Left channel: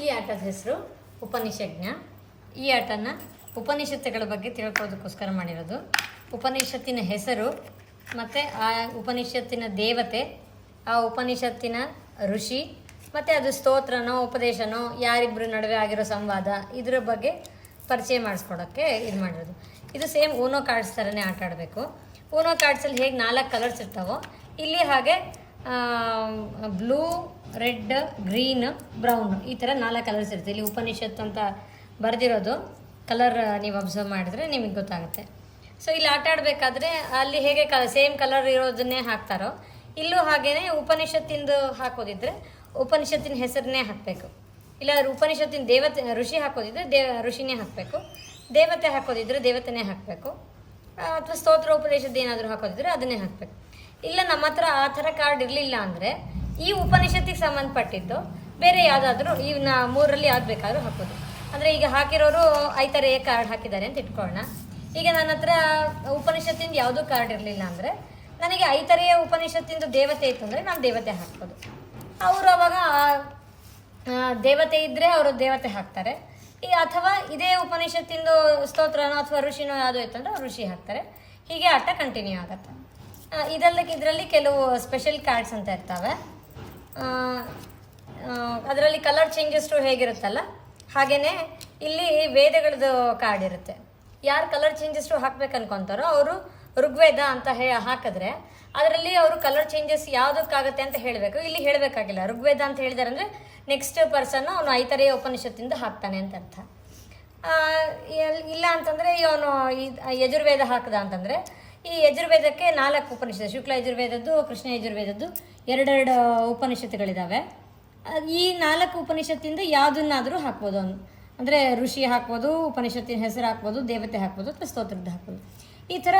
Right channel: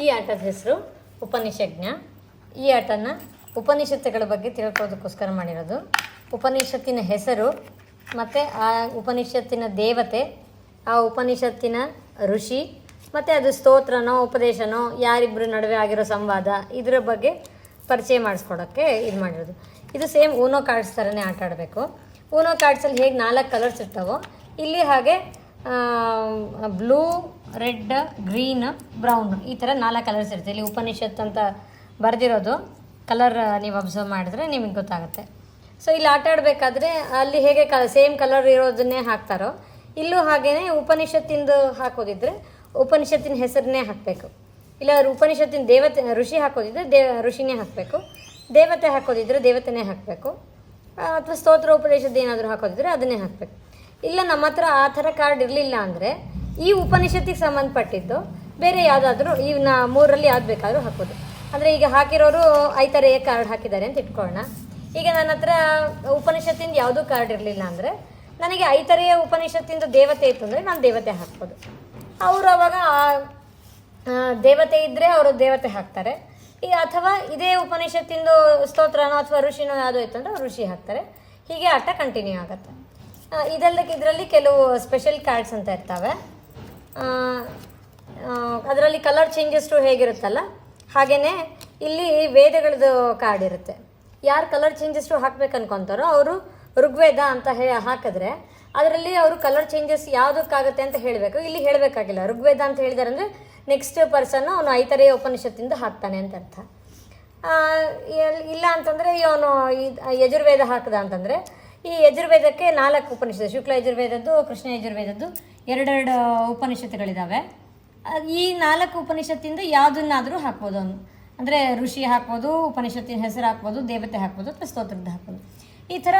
ಈ ಆಟದ ಹೆಸರು ಉಪನಿಷಜ್ಞ. ಈ ಆಟನ ಉಪನಿಷತ್ತುಗಳ ಬಗ್ಗೆ ತಿಳ್ಕೊಳ್ಳೋದಕ್ಕೋಸ್ಕರ ಮಾಡಿರೋದು. ಉಪನಿಷತ್ತಿನ ಹೆಸರು ಮತ್ತು ಆ ಉಪನಿಷತ್ತಿನ ದೇವತೆ, ಆ ಉಪನಿಷತ್ತಿನ ಋಷಿ ಮತ್ತು ಅದು ಸ್ತೋತ್ರನೋ ಉಪದೇಶನೋ ಯಾರಿಬ್ಬರ ನಡುವೆ ಆಗಿರೋ ಸಂವಾದ, ಇದರ ಬಗ್ಗೆ ಪರಿಚಯ ಮಾಡಿಸ್ಕೊಡೋಕ್ಕೆ ಇದು ಮಾಡಿರೋದು. ಇದು ಸೇಮ್ ಊನೋ ಕಾರ್ಡ್ಸ್ ಥರನೇ ಆಟ ಆಡಬೇಕು. ಊನೋ ಕಾರ್ಡ್ಸಲ್ಲಿ ಹೇಗೆ 4 ಕಲರ್ಸ್ ಇರ್ತಾವೋ ಇಲ್ಲಿ ಹಾಗೆ ಬ್ಲೂ, ರೆಡ್, ಗ್ರೀನ್, ಬ್ರೌನ್ ಈ ಥರ 4 ಕಲರ್ಸ್ ಇರುತ್ತೆ. ಇಲ್ಲಿ ಉಪನಿಷತ್ ಅಂತ ಬರೆದಿರೋದು ಕಲರ್ ನೀವು ಅಬ್ಸರ್ವ್ ಮಾಡಿದ್ರೆ ನಿಮಗೆ ಗೊತ್ತಾಗುತ್ತೆ. ಸೊ ಇಲ್ಲಿ ಆಟ ಆಡಬೇಕಾದ್ರೆ ಅಲ್ಲಿ ಹೇಗೆ ಸೇಮ್ ಕಲರ್ ಇರೋದನ್ನೇ ಹಾಕ್ತಾರೋ ಇಲ್ಲೂ ಹಾಗೇ ಉಪನಿಷತ್ತಿಂದು ಹಾಕೋದಿದ್ರೆ ಉಪನಿಷತ್ತಿನ ಹೆಸರನ್ನೇ ಹಾಕಬೇಕು. ಇಲ್ಲ ಉಪನಿಷತ್ತಿನ ದೇವತೆ ಋಷಿ ಹಾಕೋದಿದ್ರೆ ಋಷಿನೇ ಹಾಕಬೇಕು. ದೇವತೆ ಹಾಕೋದಿದ್ರೆ ದೇವತೆನೇ ಹಾಕಬೇಕು. ಅಥವಾ ಸ್ತೋತ್ರ ಉಪದೇಶದ ಏನಾದರೂ ಹಾಕೋದಿದ್ರೆ ಅದನ್ನೇ ಹಾಕಬೇಕು. ಇಲ್ಲ ನಮ್ಮ ಹತ್ರ ಆ ಥರ ಕಾರ್ಡ್ ಇರಲಿಲ್ಲ ಅಂದರೆ ಈ ಉಪನಿಷತ್ತಿಗೆ ಸಂಬಂಧಪಟ್ಟಿದ್ದು ಬೇರೆ ಯಾವುದಾದ್ರೂ ಈ 3ರಲ್ಲಿ ಯಾವ್ದು ಬೇಕಾದರೂ ಹಾಕೋದು. ಅಂದರೆ ಈಗ ಹಾಕಿರೋರು ಐತರೇ ಕಾರ್ಡ್ ಹಾಕಿದ್ದಾರೆ ಅಂತ ಇಟ್ಕೊಳ್ಳೋಣ. ಈಗ ನನ್ನ ಹತ್ರ ಉಪನಿಷತ್ತಿಂದ ಯಾವುದೂ ಕಾರ್ಡ್ ಇರಲಿಲ್ಲ ಅಂದರೆ ನನಗೆ ಐತರೆಯ ಉಪನಿಷತ್ತಿಂದ ದೇವತೆ ಇತ್ತು ಅಂದರೆ ನಾನು ದೇವತೆ ಹಾಕ್ಬೋದು. ಅವರು ಅವಾಗ ದೇವತೆ ಇದ್ದರೆ ಅವರು ದೇವತೆ ಹಾಕ್ತಾರೆ. ಅಥವಾ ಇದೇ ಉಪನಿಷತ್ತಿಂದು ಸ್ತೋತ್ರನೋ ಅಥವಾ ಋಷಿನೋ ಯಾವುದೋ ಇತ್ತು ಅಂದರೆ ಋಷಿ ಹಾಕ್ತಾರೆ. ಹೀಗೆ ಆಟ ಕಂಟಿನ್ಯೂ ಆಗುತ್ತೆ. ಇದರಲ್ಲಿ ಕೆಲವು ಸ್ಪೆಷಲ್ ಕಾರ್ಡ್ಸ್ ಅಂತ ಇರ್ತವೆ. ಅದರಲ್ಲಿ ಕಲರ್ ಚೇಂಜಸ್ಟು ಹೇಗಿರುತ್ತಲ್ಲ ಹಾಗೆಯೇ ಇಲ್ಲಿ ವೇದಗಳದ್ದು ಕಾರ್ಡ್ ಇರುತ್ತೆ. ಯಾರು ಕಲರ್ ಚೇಂಜಸ್ಟು ಹಾಕ್ಬೇಕು ಅನ್ಕೊತಾರೋ ಅವರು ಋಗ್ವೇದ ಅಂತ ಹಾಕಿದ್ರೆ ಅದರಲ್ಲಿ ಅವರು ಕಲರ್ ಚೇಂಜಸ್ ಯಾವುದಕ್ಕಾಗುತ್ತೆ ಅಂತ ಹೇಳಬೇಕು. ಇಲ್ಲಿ ಹೇಳಬೇಕಾಗಿಲ್ಲ. ಋಗ್ವೇದ ಅಂತ ಹೇಳಿದಾರೆ ಅಂದರೆ ನೆಕ್ಸ್ಟ್ ಪರ್ಸನ್ ಅವನು ಐತರೆಯ ಉಪನಿಷತ್ತಿಂದ ಹಾಕ್ತಾನೆ ಅಂತ ಅರ್ಥ. ಇಲ್ಲ ಅಂತಂದರೆ ಅವನು ಯಜುರ್ವೇದ ಹಾಕ್ದ ಅಂತಂದರೆ ಈ ಯಜುರ್ವೇದಕ್ಕೆ 4 ಉಪನಿಷತ್ತು, ಶುಕ್ಲ ಯಜುರ್ವೇದದ್ದು, ಕೃಷ್ಣ ಯಜುರ್ವೇದದ್ದು 2 ಉಪನಿಷತ್ತುಗಳಿದ್ದಾವೆ. ಈ 4 ಉಪನಿಷತ್ತಿಂದ ಯಾವುದನ್ನಾದರೂ ಹಾಕ್ಬೋದು ಅವನು. ಅಂದರೆ ಋಷಿ ಹಾಕ್ಬೋದು, ಉಪನಿಷತ್ತಿನ ಹೆಸರು ಹಾಕ್ಬೋದು, ದೇವತೆ ಹಾಕ್ಬೋದು, ಅಥವಾ ಸ್ತೋತ್ರದ ಹಾಕ್ಬೋದು. ಈ ಥರ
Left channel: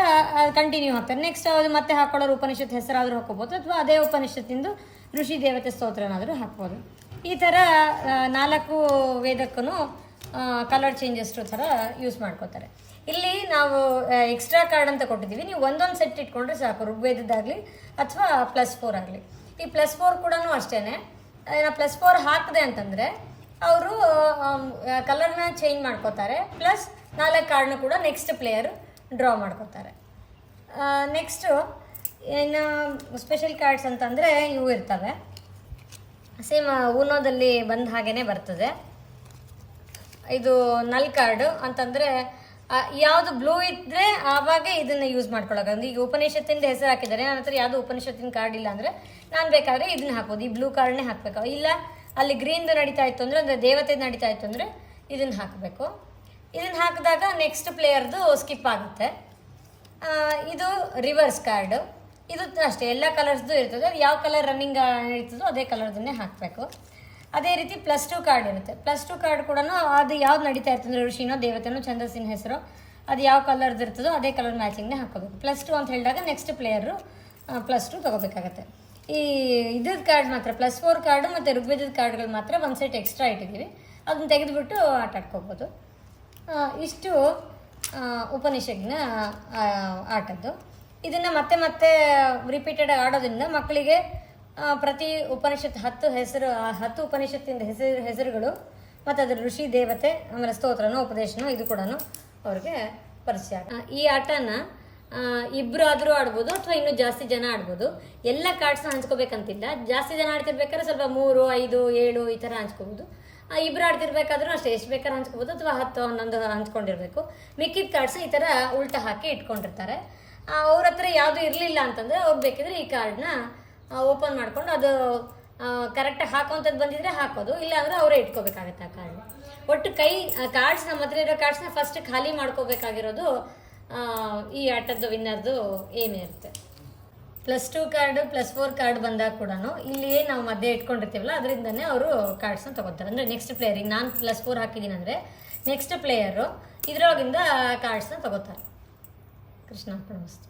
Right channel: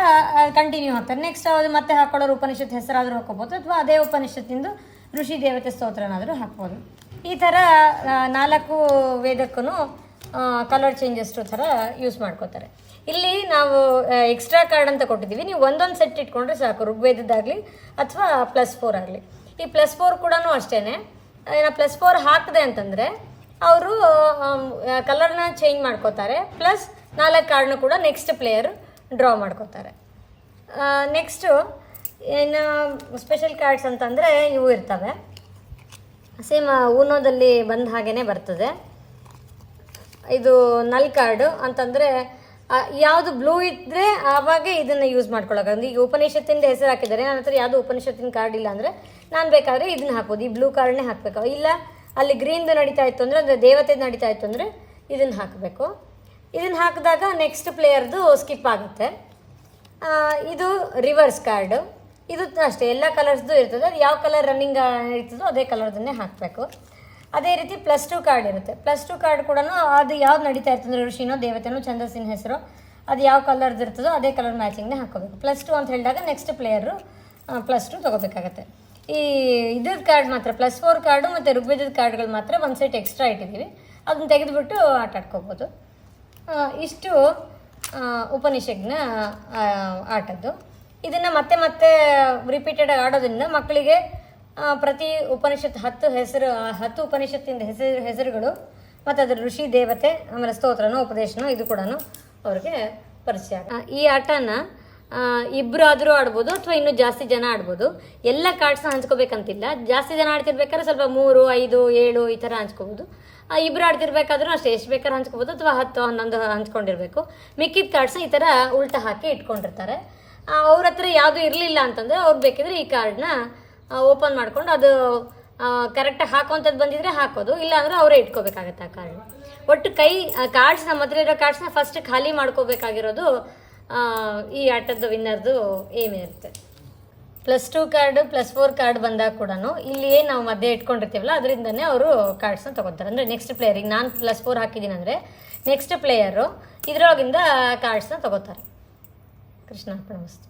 ಕಂಟಿನ್ಯೂ ಹಾಕ್ತಾರೆ. ನೆಕ್ಸ್ಟ್ ಅದು ಮತ್ತೆ ಹಾಕೊಳ್ಳೋರು ಉಪನಿಷತ್ ಹೆಸರಾದರೂ ಹಾಕೋಬೋದು, ಅಥವಾ ಅದೇ ಉಪನಿಷತ್ತಿಂದು ಋಷಿ ದೇವತೆ ಸ್ತೋತ್ರನಾದರೂ ಹಾಕ್ಬೋದು. ಈ ಥರ 4 ವೇದಕ್ಕೂ ಕಲರ್ ಚೇಂಜಸ್ಟು ಥರ ಯೂಸ್ ಮಾಡ್ಕೋತಾರೆ. ಇಲ್ಲಿ ನಾವು ಎಕ್ಸ್ಟ್ರಾ ಕಾರ್ಡ್ ಅಂತ ಕೊಟ್ಟಿದ್ದೀವಿ. ನೀವು ಒಂದೊಂದು ಸೆಟ್ ಇಟ್ಕೊಂಡ್ರೆ ಸಾಕು, ಋಗ್ವೇದದ್ದಾಗಲಿ ಅಥವಾ +4 ಆಗಲಿ. ಈ +4 ಕೂಡ ಅಷ್ಟೇ. +4 ಹಾಕಿದೆ ಅಂತಂದರೆ ಅವರು ಕಲರ್ನ ಚೇಂಜ್ ಮಾಡ್ಕೋತಾರೆ. ಪ್ಲಸ್ 4 ಕಾರ್ಡ್ನ ಕೂಡ ನೆಕ್ಸ್ಟ್ ಪ್ಲೇಯರ್ ಡ್ರಾ ಮಾಡ್ಕೋತಾರೆ. ನೆಕ್ಸ್ಟು ಏನು ಸ್ಪೆಷಲ್ ಕಾರ್ಡ್ಸ್ ಅಂತಂದರೆ ಇವು ಇರ್ತವೆ. ಸೇಮ್ ಊನೋದಲ್ಲಿ ಬಂದ ಹಾಗೇ ಬರ್ತದೆ. ಇದು ನಲ್ ಕಾರ್ಡು ಅಂತಂದರೆ ಯಾವುದು ಬ್ಲೂ ಇದ್ದರೆ ಆವಾಗ ಇದನ್ನು ಯೂಸ್ ಮಾಡ್ಕೊಳ್ಳೋಕೆ. ಈಗ ಉಪನಿಷತ್ತಿಂದ ಹೆಸರು ಹಾಕಿದ್ದಾರೆ, ನನ್ನ ಹತ್ರ ಯಾವುದೋ ಉಪನಿಷತ್ತಿನ ಕಾರ್ಡ್ ಇಲ್ಲ ಅಂದರೆ ನಾನು ಬೇಕಾದರೆ ಇದನ್ನು ಹಾಕ್ಬೋದು. ಈ ಬ್ಲೂ ಕಾರ್ಡ್ನೇ ಹಾಕಬೇಕು. ಇಲ್ಲ ಅಲ್ಲಿ ಗ್ರೀನ್ದು ನಡೀತಾ ಇತ್ತು ಅಂದರೆ ದೇವತೆ ನಡೀತಾ ಇತ್ತು ಅಂದರೆ ಇದನ್ನು ಹಾಕಬೇಕು. ಇದನ್ನು ಹಾಕಿದಾಗ ನೆಕ್ಸ್ಟ್ ಪ್ಲೇಯರ್ದು ಸ್ಕಿಪ್ ಆಗುತ್ತೆ. ಇದು ರಿವರ್ಸ್ ಕಾರ್ಡು. ಇದು ಅಷ್ಟೇ, ಎಲ್ಲ ಕಲರ್ಸ್ದು ಇರ್ತದೆ. ಯಾವ ಕಲರ್ ರನ್ನಿಂಗ್ ಇರ್ತದೋ ಅದೇ ಕಲರ್ದನ್ನೇ ಹಾಕಬೇಕು. ಅದೇ ರೀತಿ +2 ಕಾರ್ಡ್ ಇರುತ್ತೆ. +2 ಕಾರ್ಡ್ ಕೂಡ ಅದು ಯಾವ್ದು ನಡೀತಾ ಇರ್ತದೆ, ಋಷಿನೋ ದೇವತೆನೋ ಛಂದಸ್ಸಿನ ಹೆಸರು, ಅದು ಯಾವ ಕಲರ್ದು ಇರ್ತದೋ ಅದೇ ಕಲರ್ ಮ್ಯಾಚಿಂಗ್ನೇ ಹಾಕೋಬೇಕು. +2 ಅಂತ ಹೇಳಿದಾಗ ನೆಕ್ಸ್ಟ್ ಪ್ಲೇಯರು +2 ತೊಗೋಬೇಕಾಗತ್ತೆ. ಈ ಇದ್ರದ್ದು ಕಾರ್ಡ್ ಮಾತ್ರ +4 ಕಾರ್ಡು ಮತ್ತು ಋಗ್ವೇದದ ಕಾರ್ಡ್ಗಳು ಮಾತ್ರ ಒಂದು ಸೆಟ್ ಎಕ್ಸ್ಟ್ರಾ ಇಟ್ಟಿದ್ದೀವಿ. ಅದನ್ನ ತೆಗೆದುಬಿಟ್ಟು ಆಟ ಆಡ್ಕೋಬೋದು. ಇಷ್ಟು ಉಪನಿಷಜ್ಞ ಆಟದ್ದು. ಇದನ್ನು ಮತ್ತೆ ರಿಪೀಟೆಡ್ ಆಡೋದ್ರಿಂದ ಮಕ್ಕಳಿಗೆ ಪ್ರತಿ ಉಪನಿಷತ್ತು 10 ಉಪನಿಷತ್ತಿಂದ ಹೆಸರುಗಳು ಮತ್ತು ಅದರ ಋಷಿ ದೇವತೆ ಆಮೇಲೆ ಸ್ತೋತ್ರನೋ ಉಪದೇಶನೋ ಇದು ಕೂಡ ಅವ್ರಿಗೆ ಪರಿಚಯ. ಈ ಆಟನ ಇಬ್ಬರು ಆದರೂ ಆಡ್ಬೋದು ಅಥವಾ ಇನ್ನೂ ಜಾಸ್ತಿ ಜನ ಆಡ್ಬೋದು. ಎಲ್ಲ ಕಾರ್ಡ್ಸ್ನ ಹಂಚ್ಕೋಬೇಕಂತಿಲ್ಲ. ಜಾಸ್ತಿ ಜನ ಆಡ್ತಿರ್ಬೇಕಾದ್ರೆ ಸ್ವಲ್ಪ 3, 5, 7 ಈ ಥರ ಹಂಚ್ಕೋಬೋದು. ಇಬ್ಬರು ಆಡ್ತಿರ್ಬೇಕಾದ್ರೂ ಅಷ್ಟೇ, ಎಷ್ಟು ಬೇಕಾದ್ರೂ ಹಂಚ್ಕೋಬೋದು, ಅಥವಾ 10, 11 ಹಂಚ್ಕೊಂಡಿರ್ಬೇಕು. ಮಿಕ್ಕಿದ ಕಾರ್ಡ್ಸ್ನ ಈ ಥರ ಉಲ್ಟಾ ಹಾಕಿ ಇಟ್ಕೊಂಡಿರ್ತಾರೆ. ಅವ್ರ ಹತ್ರ ಯಾವುದೂ ಇರಲಿಲ್ಲ ಅಂತಂದರೆ ಅವ್ರು ಬೇಕಿದ್ರೆ ಈ ಕಾರ್ಡ್ನ ಓಪನ್ ಮಾಡ್ಕೊಂಡು ಅದು ಕರೆಕ್ಟಾಗಿ ಹಾಕೋಂಥದ್ದು ಬಂದಿದ್ರೆ ಹಾಕೋದು, ಇಲ್ಲ ಅಂದರೆ ಅವರೇ ಇಟ್ಕೋಬೇಕಾಗತ್ತೆ ಆ ಕಾರ್ಡ್ನ. ಒಟ್ಟು ಕಾರ್ಡ್ಸ್ ನಮ್ಮ ಹತ್ರ ಇರೋ ಕಾರ್ಡ್ಸ್ನ ಫಸ್ಟ್ ಖಾಲಿ ಮಾಡ್ಕೋಬೇಕಾಗಿರೋದು ಈ ಆಟದ ವಿನ್ನರ್ದು ಏಮೇ ಇರುತ್ತೆ. +2 ಕಾರ್ಡು +4 ಕಾರ್ಡ್ ಬಂದಾಗ ಕೂಡ ಇಲ್ಲಿ ಏನು ನಾವು ಮಧ್ಯೆ ಇಟ್ಕೊಂಡಿರ್ತೀವಲ್ಲ ಅದರಿಂದನೇ ಅವರು ಕಾರ್ಡ್ಸ್ನ ತೊಗೊತಾರೆ. ಅಂದರೆ ನೆಕ್ಸ್ಟ್ ಪ್ಲೇಯರ್, ಈಗ ನಾನು +4 ಹಾಕಿದ್ದೀನಿ ಅಂದರೆ ನೆಕ್ಸ್ಟ್ ಪ್ಲೇಯರು ಇದರೊಳಗಿಂದ ಕಾರ್ಡ್ಸ್ನ ತೊಗೋತಾರೆ. ಕೃಷ್ಣ ಅರ್ಪಣಮಸ್ತು.